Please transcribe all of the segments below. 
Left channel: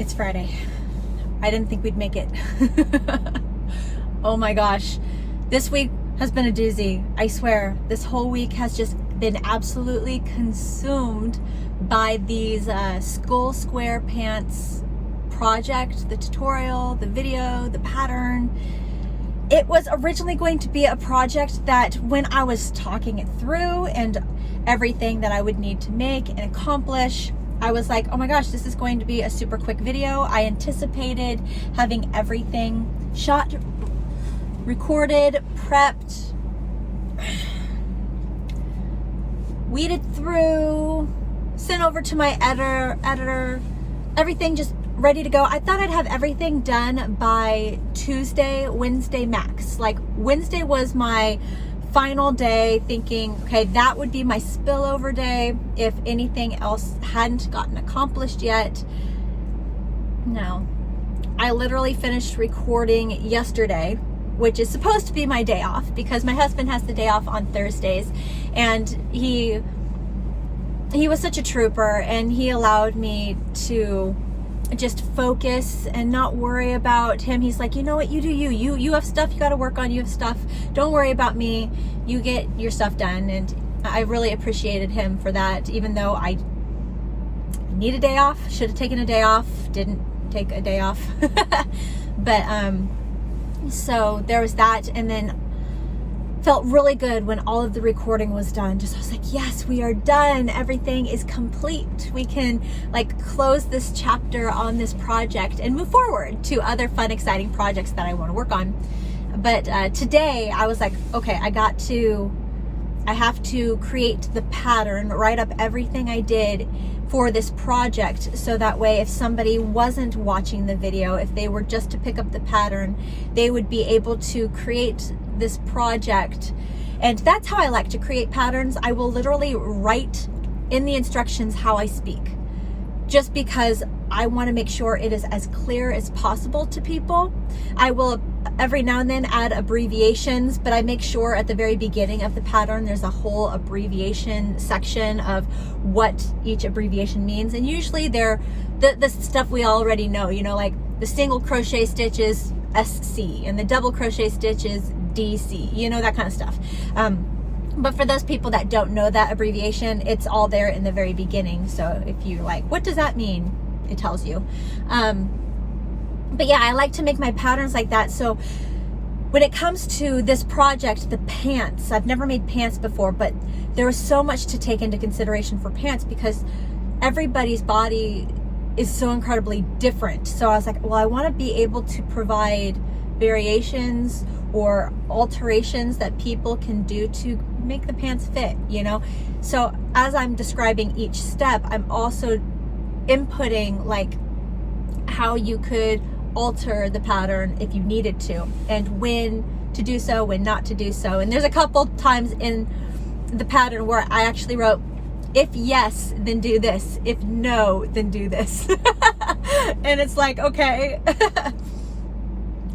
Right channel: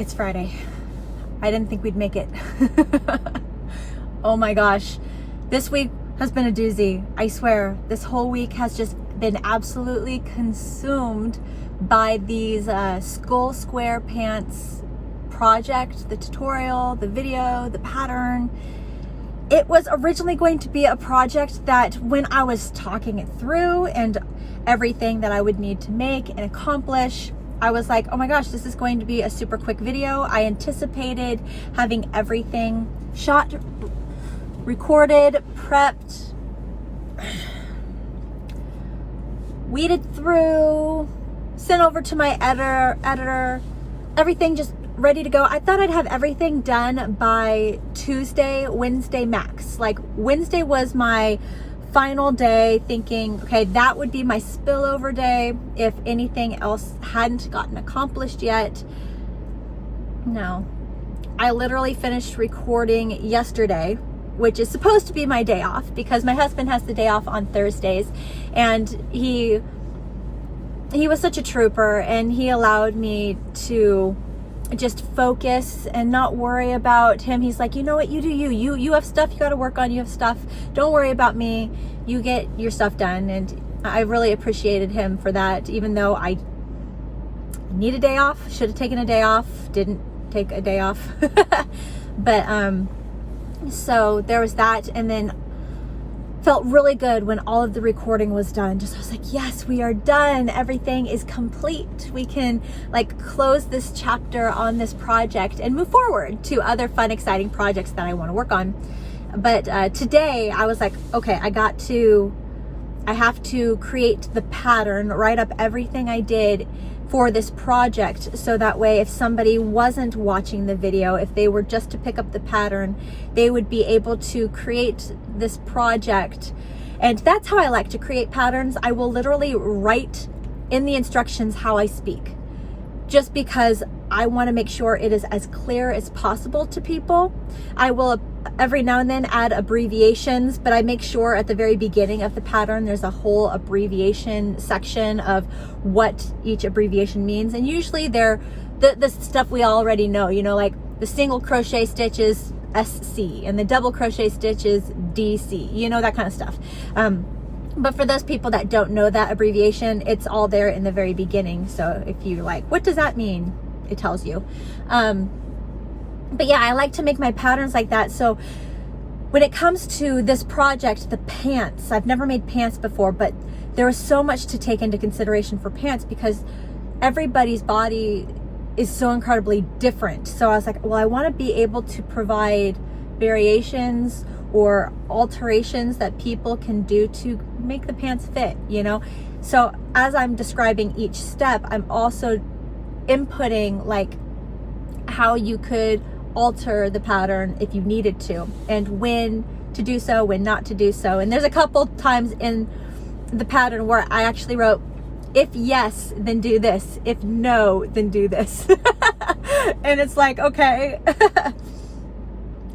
It's Friday. I didn't think we'd make it. Oh my gosh. This week has been a doozy. I swear, this whole week has just been absolutely consumed by these skull square pants project, the tutorial, the video, the pattern. It was originally going to be a project that when I was talking it through and everything that I would need to make and accomplish, I was like, oh my gosh, this is going to be a super quick video. I anticipated having everything shot, recorded, prepped, weeded through, sent over to my editor, everything just ready to go. I thought I'd have everything done by Tuesday, Wednesday max. Like Wednesday was my final day, thinking, okay, that would be my spillover day if anything else hadn't gotten accomplished yet. No, I literally finished recording yesterday, which is supposed to be my day off because my husband has the day off on Thursdays, and he was such a trooper, and he allowed me to just focus and not worry about him. He's like, you know what, you do you have stuff you got to work on, you have stuff, don't worry about me, you get your stuff done. And I really appreciated him for that, even though I need a day off, should have taken a day off, didn't take a day off. But so there was that, and then felt really good when all of the recording was done. Just I was like, yes, we are done. Everything is complete. We can like close this chapter on this project and move forward to other fun, exciting projects that I want to work on. But today I was like, okay, I have to create the pattern, write up everything I did for this project, so that way if somebody wasn't watching the video, if they were just to pick up the pattern, they would be able to create this project. And that's how I like to create patterns. I will literally write in the instructions how I speak, just because I want to make sure it is as clear as possible to people. I will every now and then add abbreviations, but I make sure at the very beginning of the pattern there's a whole abbreviation section of what each abbreviation means. And usually they're the stuff we already know, you know, like the single crochet stitch is SC and the double crochet stitch is DC, you know, that kind of stuff. But for those people that don't know that abbreviation, it's all there in the very beginning. So if you're like, what does that mean? It tells you. But yeah, I like to make my patterns like that. So when it comes to this project, the pants, I've never made pants before, but there was so much to take into consideration for pants because everybody's body is so incredibly different. So I was like, well, I want to be able to provide variations or alterations that people can do to make the pants fit, you know? So as I'm describing each step, I'm also inputting like how you could alter the pattern if you needed to, and when to do so, when not to do so. And there's a couple times in the pattern where I actually wrote, if yes, then do this. If no, then do this. And it's like, okay.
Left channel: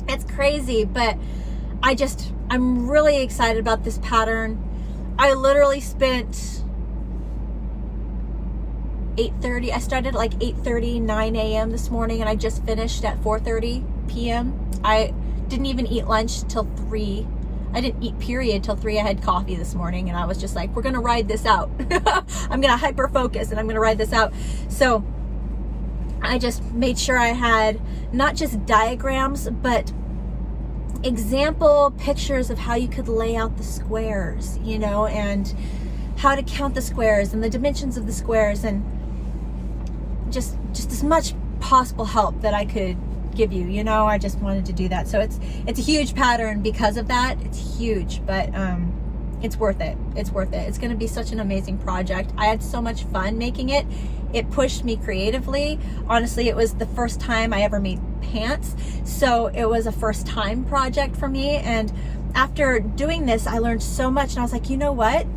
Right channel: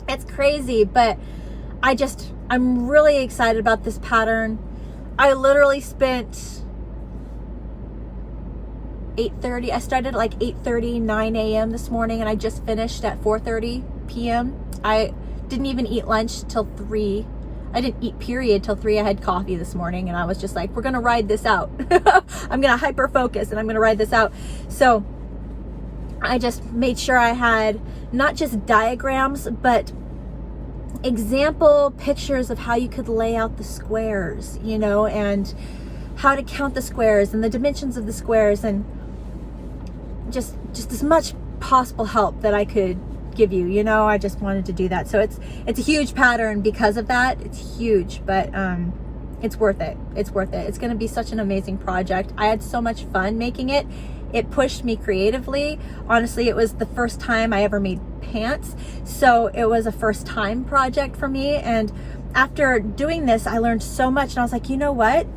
It's crazy, but I'm really excited about this pattern. I literally spent 8:30. I started like 8:30, 9 a.m. this morning, and I just finished at 4:30 p.m. I didn't even eat lunch till 3. I didn't eat period till 3. I had coffee this morning, and I was just like, we're gonna ride this out. I'm gonna hyper focus and I'm gonna ride this out. So I just made sure I had not just diagrams, but example pictures of how you could lay out the squares, you know, and how to count the squares and the dimensions of the squares, and just as much possible help that I could give you, you know. I just wanted to do that. So it's a huge pattern because of that. It's huge, but it's worth it. It's worth it. It's going to be such an amazing project. I had so much fun making it. It pushed me creatively. Honestly, it was the first time I ever made pants, so it was a first time project for me. And after doing this, I learned so much, and I was like, you know what?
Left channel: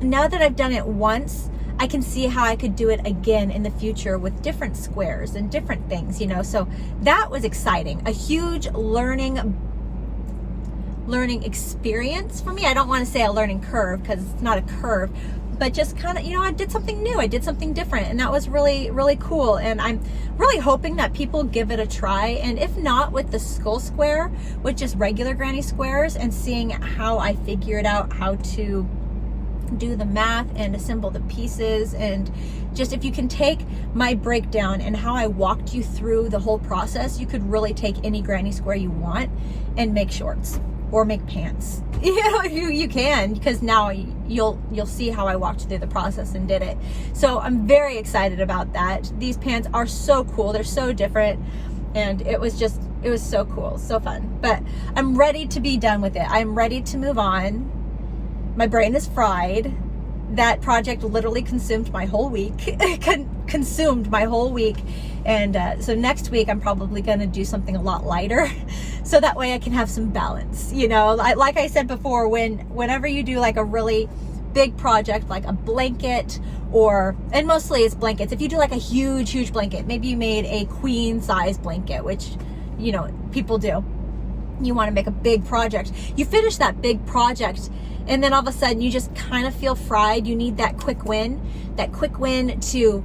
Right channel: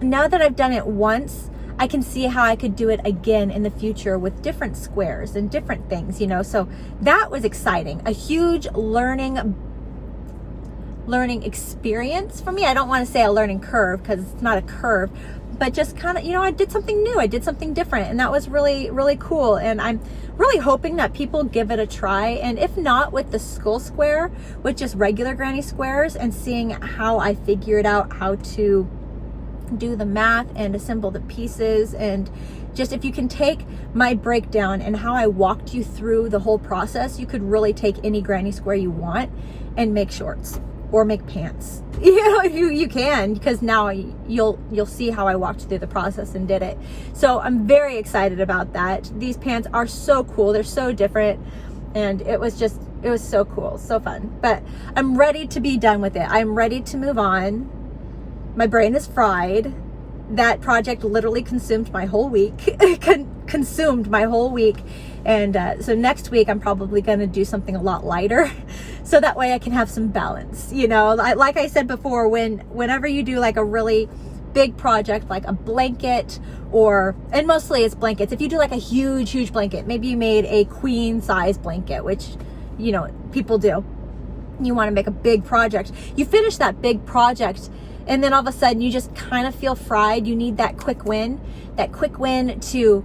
Now that I've done it once, I can see how I could do it again in the future with different squares and different things, you know. So that was exciting. A huge learning experience for me. I don't want to say a learning curve because it's not a curve, but just kind of, you know, I did something new. I did something different, and that was really, really cool. And I'm really hoping that people give it a try. And if not with the skull square, with just regular granny squares, and seeing how I figured out how to do the math and assemble the pieces. And just if you can take my breakdown and how I walked you through the whole process, you could really take any granny square you want and make shorts or make pants. You know, you can, because now you'll see how I walked through the process and did it. So I'm very excited about that. These pants are so cool. They're so different, and it was so cool, so fun. But I'm ready to be done with it. I'm ready to move on. My brain is fried. That project literally consumed my whole week. Consumed my whole week. And so next week I'm probably going to do something a lot lighter, so that way I can have some balance. You know, like I said before, whenever you do like a really big project, like a blanket, and mostly it's blankets. If you do like a huge blanket, maybe you made a queen size blanket, which, you know, people do. You want to make a big project. You finish that big project, and then all of a sudden you just kind of feel fried. You need that quick win to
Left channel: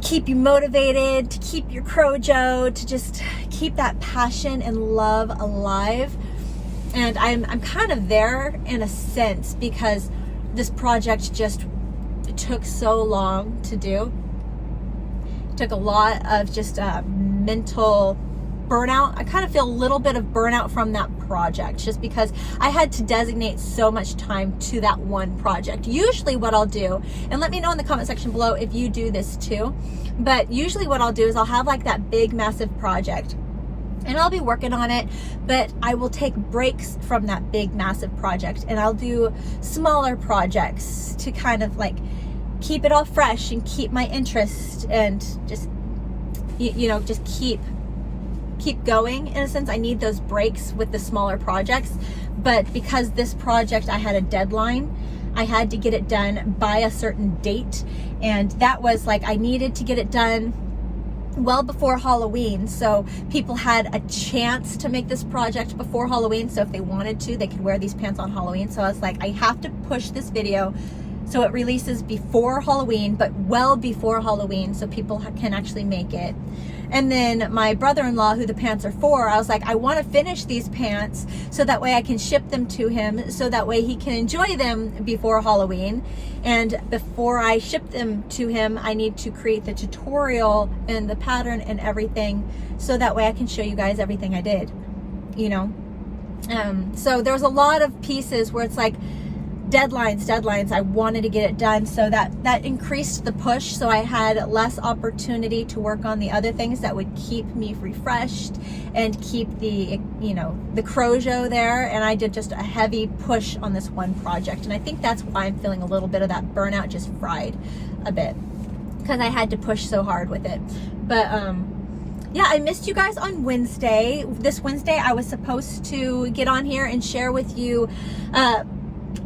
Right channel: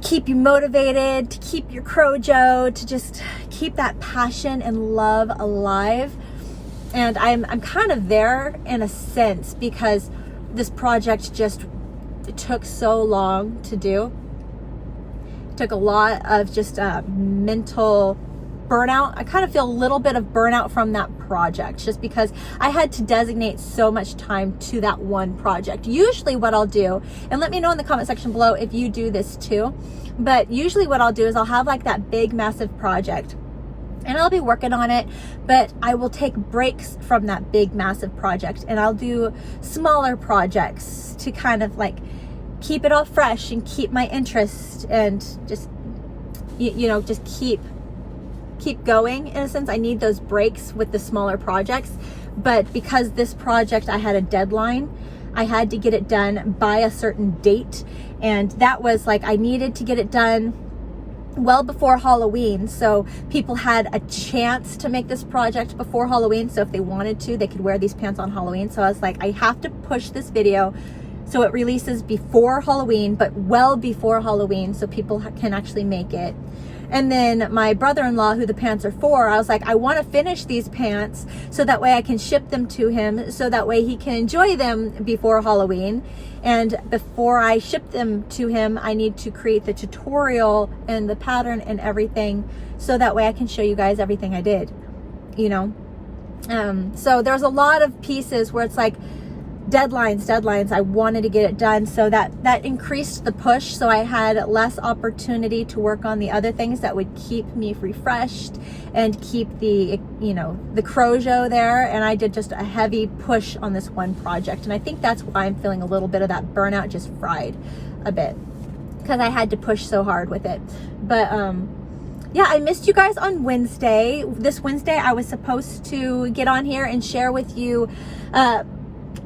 keep you motivated, to keep your Crojo, to just keep that passion and love alive. And I'm kind of there in a sense, because this project it took so long to do. It took a lot of just mental burnout. I kind of feel a little bit of burnout from that project, just because I had to designate so much time to that one project. Usually what I'll do, and let me know in the comment section below if you do this too, but usually what I'll do is I'll have like that big massive project and I'll be working on it, but I will take breaks from that big massive project and I'll do smaller projects to kind of like keep it all fresh and keep my interest, and just, you know, just keep going in a sense. I need those breaks with the smaller projects, but because this project, I had a deadline, I had to get it done by a certain date, and that was like, I needed to get it done well before Halloween, so people had a chance to make this project before Halloween. So if they wanted to, they could wear these pants on Halloween. So I was like, I have to push this video so it releases before Halloween, but well before Halloween, so people can actually make it. And then my brother-in-law, who the pants are for, I was like, I want to finish these pants so that way I can ship them to him, so that way he can enjoy them before Halloween. And before I ship them to him, I need to create the tutorial and the pattern and everything, so that way I can show you guys everything I did, you know? So there's a lot of pieces where it's like, deadlines. I wanted to get it done, so that increased the push, so I had less opportunity to work on the other things that would keep me refreshed and keep the, you know, the Crojo there. And I did just a heavy push on this one project, and I think that's why I'm feeling a little bit of that burnout, just fried a bit, because I had to push so hard with it. But yeah, I missed you guys on Wednesday. This Wednesday I was supposed to get on here and share with you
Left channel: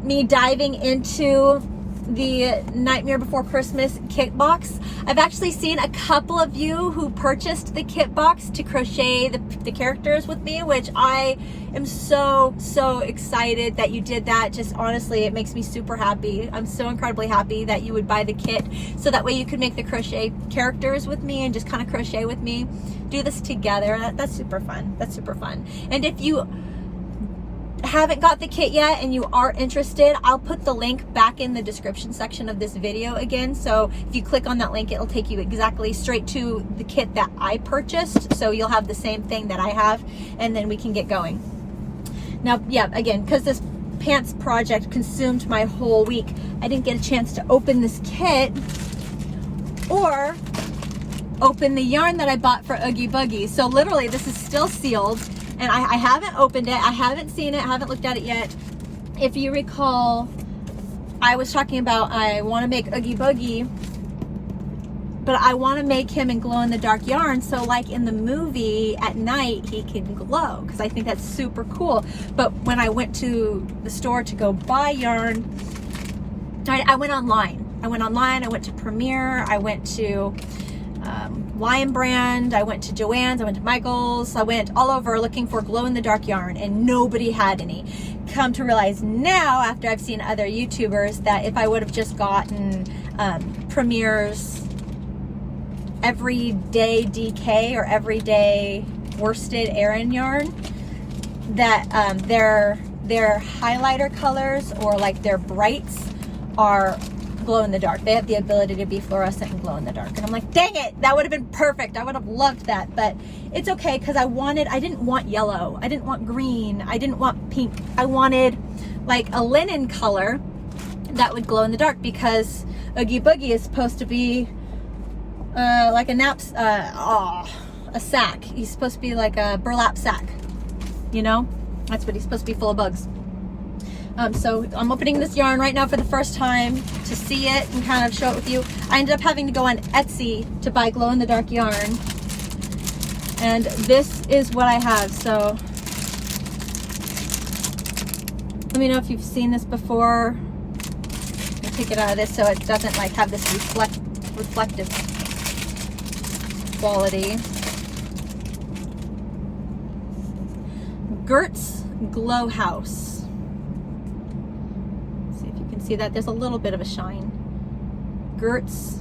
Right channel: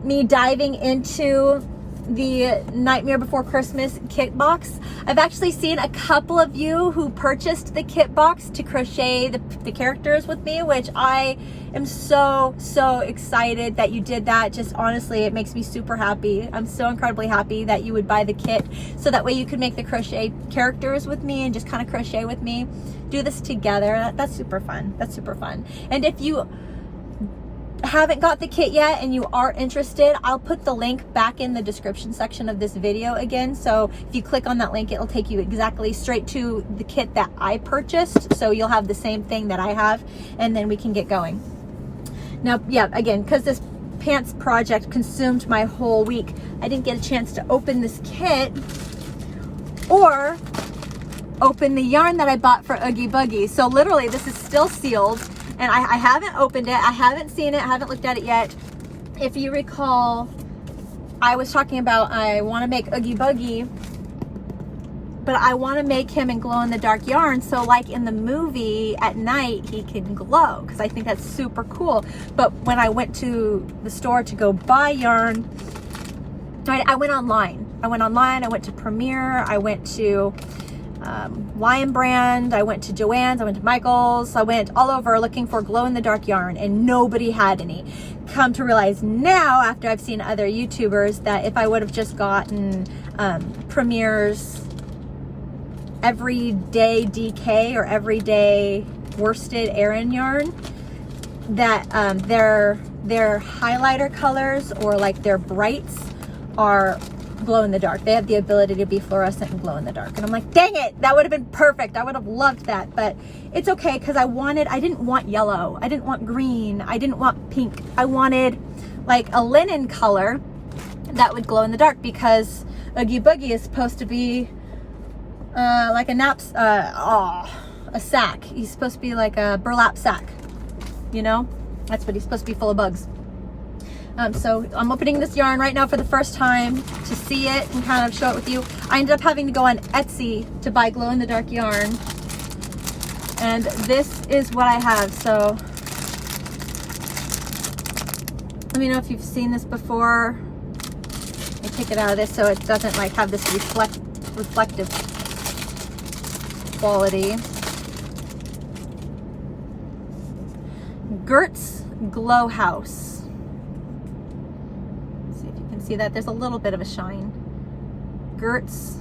me diving into the Nightmare Before Christmas kit box. I've actually seen a couple of you who purchased the kit box to crochet the characters with me, which I am so excited that you did that. Just honestly, it makes me super happy. I'm so incredibly happy that you would buy the kit, so that way you could make the crochet characters with me and just kind of crochet with me, do this together. That's super fun. That's super fun. And if you haven't got the kit yet and you are interested, I'll put the link back in the description section of this video again. So if you click on that link, it'll take you exactly straight to the kit that I purchased, so you'll have the same thing that I have, and then we can get going. Now, yeah, again, because this pants project consumed my whole week, I didn't get a chance to open this kit or open the yarn that I bought for Oogie Boogie. So literally this is still sealed, and I haven't opened it. I haven't seen it. I haven't looked at it yet. If you recall, I was talking about I want to make Oogie Boogie, but I want to make him in glow-in-the-dark yarn, so like in the movie at night he can glow, because I think that's super cool. But when I went to the store to go buy yarn, I went online. I went to Premier, I went to Lion Brand, I went to Joann's, I went to Michael's, I went all over looking for glow-in-the-dark yarn, and nobody had any. Come to realize now, after I've seen other YouTubers, that if I would have just gotten Premier's everyday DK or everyday worsted Aran yarn that their highlighter colors or like their brights are glow in the dark. They have the ability to be fluorescent and glow in the dark. And I'm like, dang it, that would have been perfect. I would have loved that, but it's okay because I didn't want yellow. I didn't want green. I didn't want pink. I wanted like a linen color that would glow in the dark because Oogie Boogie is supposed to be like a sack. He's supposed to be like a burlap sack, you know? That's what he's supposed to be, full of bugs. So I'm opening this yarn right now for the first time to see it and kind of show it with you. I ended up having to go on Etsy to buy glow-in-the-dark yarn. And this is what I have. So let me know if you've seen this before. I take it out of this so it doesn't like have this reflective quality. Gert's Glow House. See that there's a little bit of a shine. Gert's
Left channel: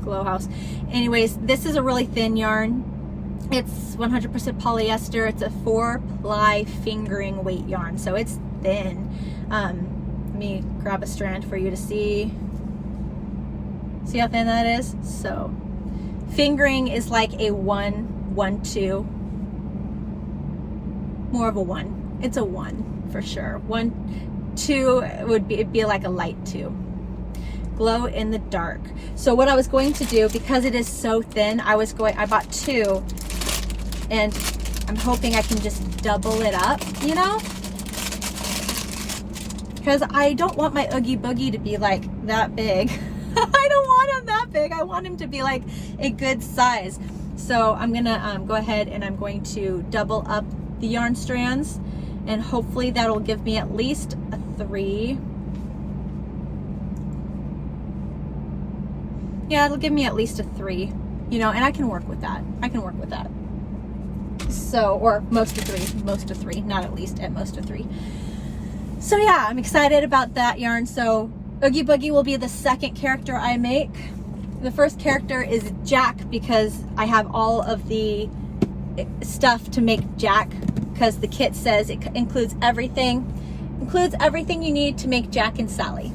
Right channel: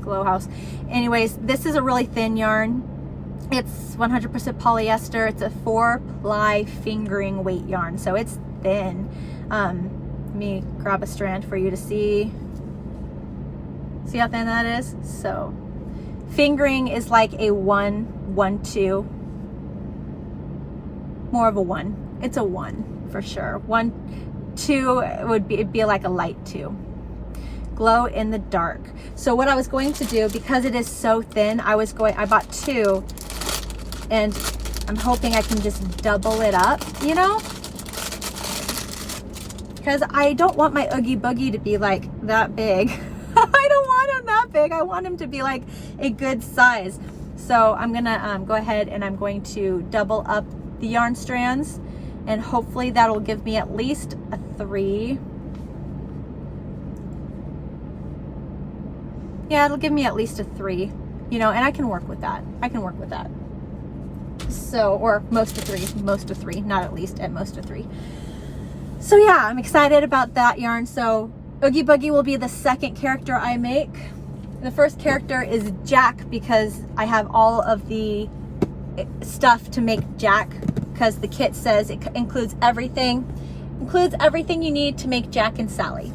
Glow House. Anyways, this is a really thin yarn. It's 100% polyester. It's a 4-ply fingering weight yarn, so it's thin. Let me grab a strand for you to see. See how thin that is? So fingering is like a 1, 1, 2. More of a 1. It's a 1 for sure. 1, 2 it'd be like a light 2. Glow in the dark. So what I was going to do, because it is so thin, I bought 2 and I'm hoping I can just double it up, you know? Because I don't want my Oogie Boogie to be like that big. I don't want him that big. I want him to be like a good size. So I'm gonna go ahead and I'm going to double up the yarn strands, and hopefully that'll give me at least a 3. Yeah, it'll give me at least a 3, you know, and I can work with that. I can work with that. So, or most of 3, not at least, at most of 3. So yeah, I'm excited about that yarn. So Oogie Boogie will be the second character I make. The first character is Jack because I have all of the stuff to make Jack, because the kit says it includes everything you need to make Jack and Sally.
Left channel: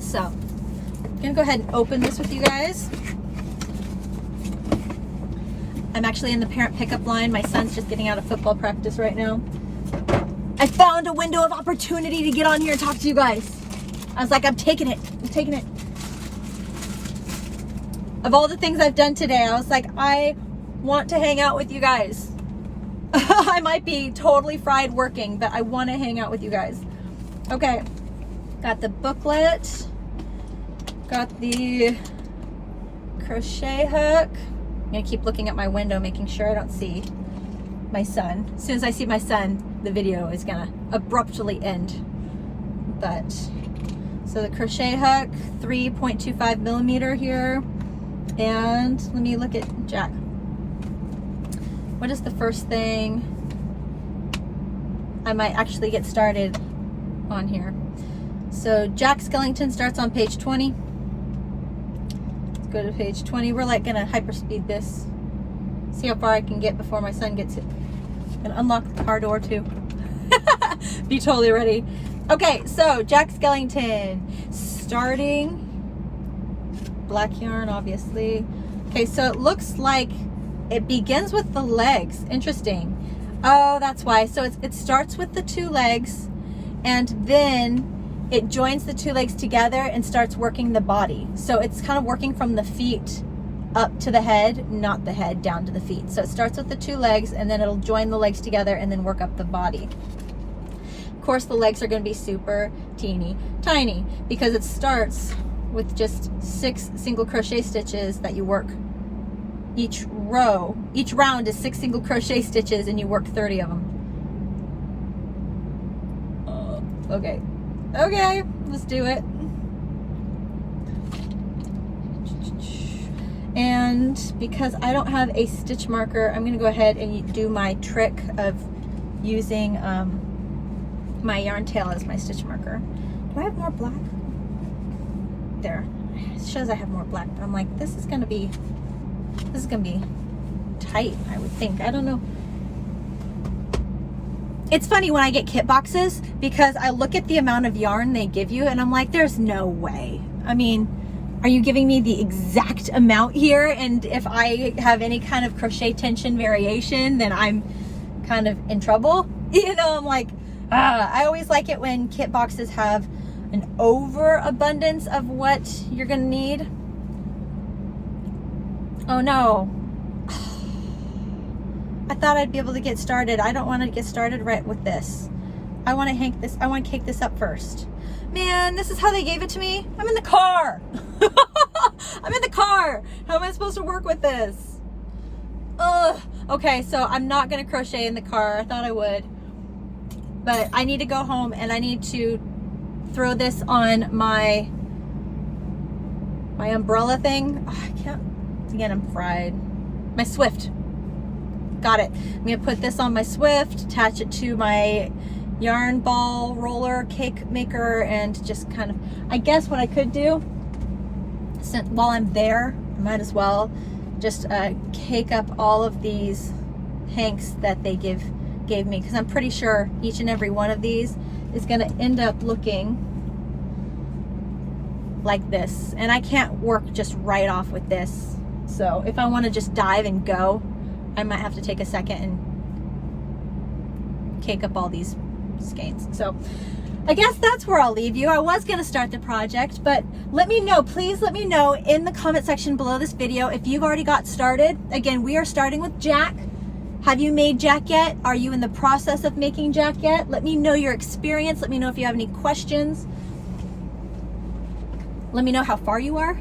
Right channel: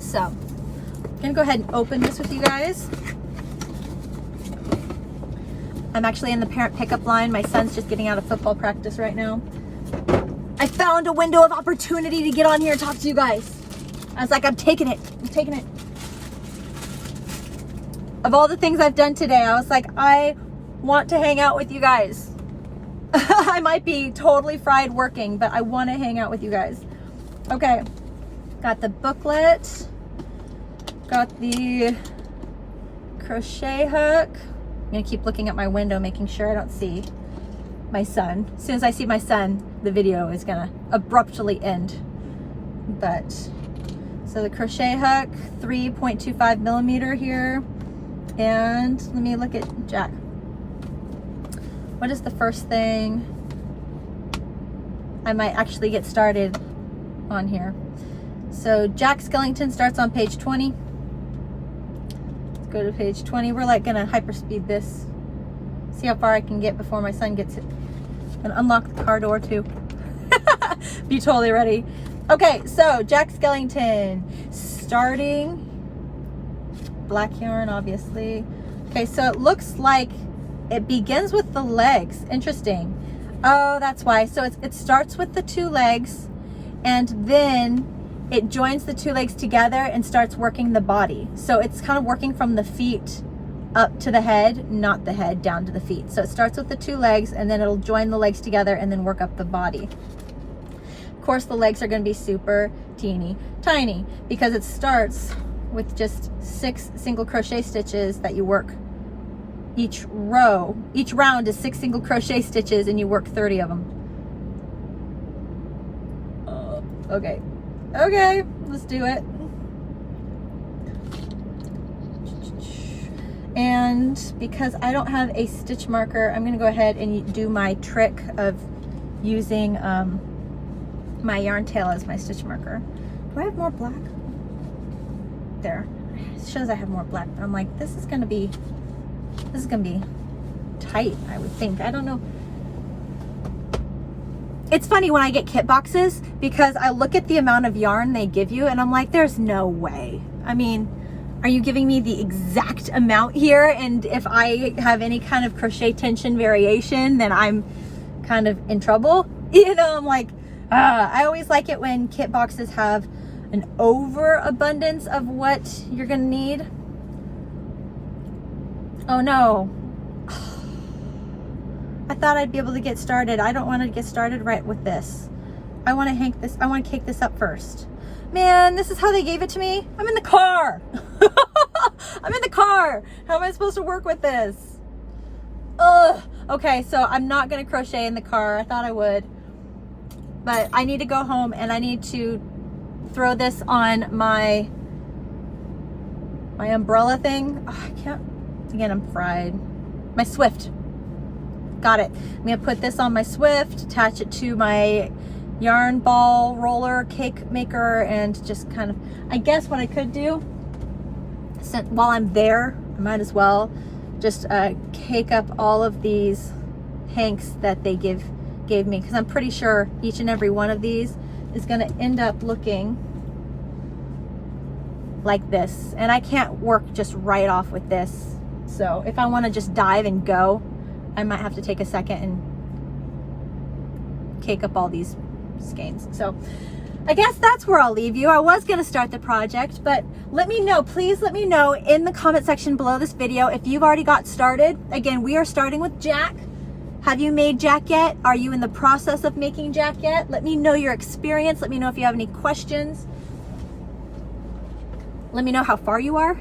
So I'm gonna go ahead and open this with you guys. I'm actually in the parent pickup line. My son's just getting out of football practice right now. I found a window of opportunity to get on here and talk to you guys. I was like, I'm taking it. Of all the things I've done today, I was like, I want to hang out with you guys. I might be totally fried working, but I want to hang out with you guys. Okay, got the booklet, got the crochet hook. I'm gonna keep looking at my window, making sure I don't see my son. As soon as I see my son, the video is gonna abruptly end. But, so the crochet hook, 3.25 millimeter here. And let me look at Jack. What is the first thing? I might actually get started on here. So Jack Skellington starts on page 20. Let's go to page 20. We're like gonna hyperspeed this. See how far I can get before my son gets it. And unlock the car door too. Be totally ready. Okay, so Jack Skellington, starting black yarn, obviously. Okay, so it looks like it begins with the legs. Interesting. Oh, that's why. So it starts with the 2 legs, and then it joins the 2 legs together and starts working the body. So it's kind of working from the feet up to the head, not the head down to the feet. So it starts with the 2 legs, and then it'll join the legs together and then work up the body. Of course, the legs are going to be super teeny tiny because it starts with just 6 single crochet stitches that you work each row. Each round is 6 single crochet stitches and you work 30 of them. Okay, let's do it. And because I don't have a stitch marker, I'm gonna go ahead and do my trick of using my yarn tail as my stitch marker. Do I have more black? There, I it shows I have more black, but I'm like, this is gonna be tight, I would think. I don't know. It's funny when I get kit boxes because I look at the amount of yarn they give you and I'm like, there's no way. I mean, are you giving me the exact amount here? And if I have any kind of crochet tension variation, then I'm kind of in trouble. You know, I'm like, I always like it when kit boxes have an overabundance of what you're gonna need. Oh no. I thought I'd be able to get started. I don't want to get started right with this. I want to cake this up first. Man, this is how they gave it to me? I'm in the car. I'm in the car. How am I supposed to work with this? Ugh. Okay, so I'm not going to crochet in the car. I thought I would. But I need to go home and I need to throw this on my umbrella thing. Oh, I can't. Again, I'm fried. My Swift. Got it. I'm gonna put this on my Swift, attach it to my yarn ball roller cake maker, and just kind of, I guess what I could do, while I'm there, I might as well just cake up all of these hanks that they gave me, because I'm pretty sure each and every one of these is gonna end up looking like this, and I can't work just right off with this. So if I want to just dive and go, I might have to take a second and cake up all these skeins. So I guess that's where I'll leave you. I was going to start the project, but let me know, please let me know in the comment section below this video if you've already got started. Again, we are starting with Jack. Have you made Jack yet? Are you in the process of making Jack yet? Let me know your experience. Let me know if you have any questions. Let me know how far you are.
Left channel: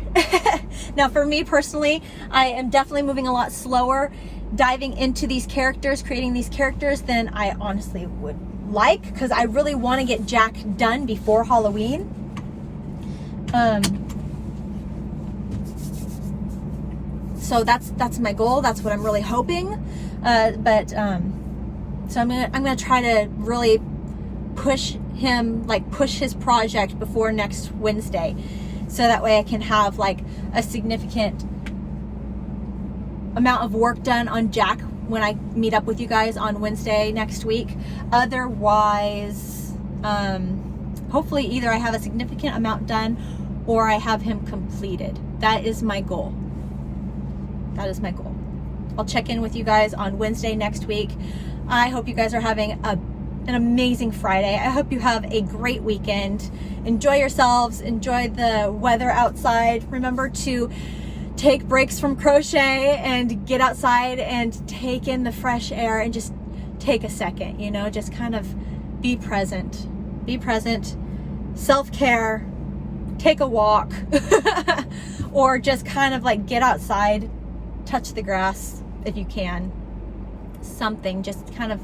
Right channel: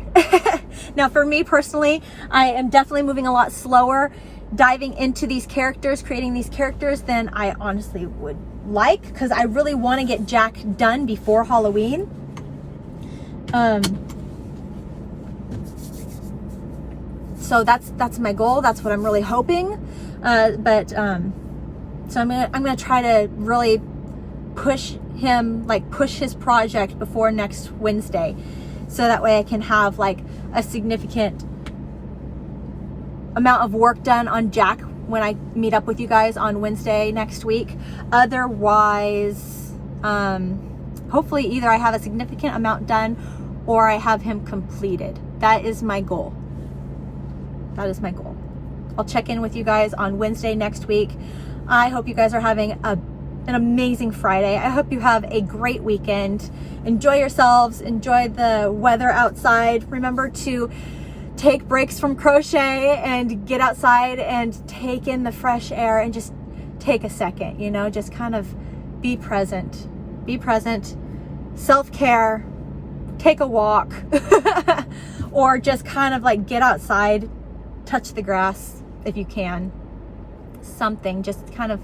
Now for me personally, I am definitely moving a lot slower, diving into these characters, creating these characters than I honestly would like, because I really want to get Jack done before Halloween. So that's my goal. That's what I'm really hoping. So I'm gonna try to really push his project before next Wednesday, so that way I can have like a significant amount of work done on Jack when I meet up with you guys on Wednesday next week. Otherwise, hopefully either I have a significant amount done or I have him completed. That is my goal. That is my goal. I'll check in with you guys on Wednesday next week. I hope you guys are having an amazing Friday. I hope you have a great weekend. Enjoy yourselves. Enjoy the weather outside. Remember to take breaks from crochet and get outside and take in the fresh air and just take a second, you know, just kind of be present. Be present. Self-care. Take a walk. Or just kind of like get outside, touch the grass if you can. Something, just kind of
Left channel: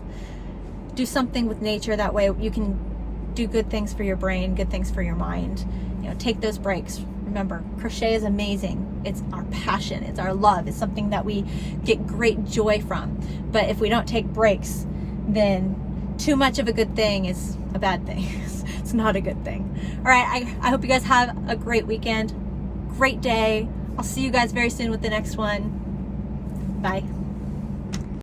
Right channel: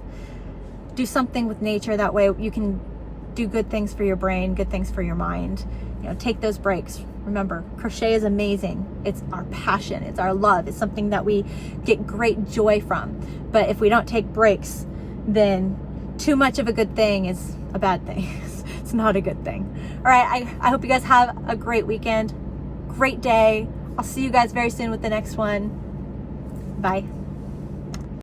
do something with nature. That way you can do good things for your brain, good things for your mind. You know, take those breaks. Remember, crochet is amazing. It's our passion, it's our love, it's something that we get great joy from. But if we don't take breaks, then too much of a good thing is a bad thing. It's not a good thing. All right, I hope you guys have a great weekend, great day. I'll see you guys very soon with the next one. Bye.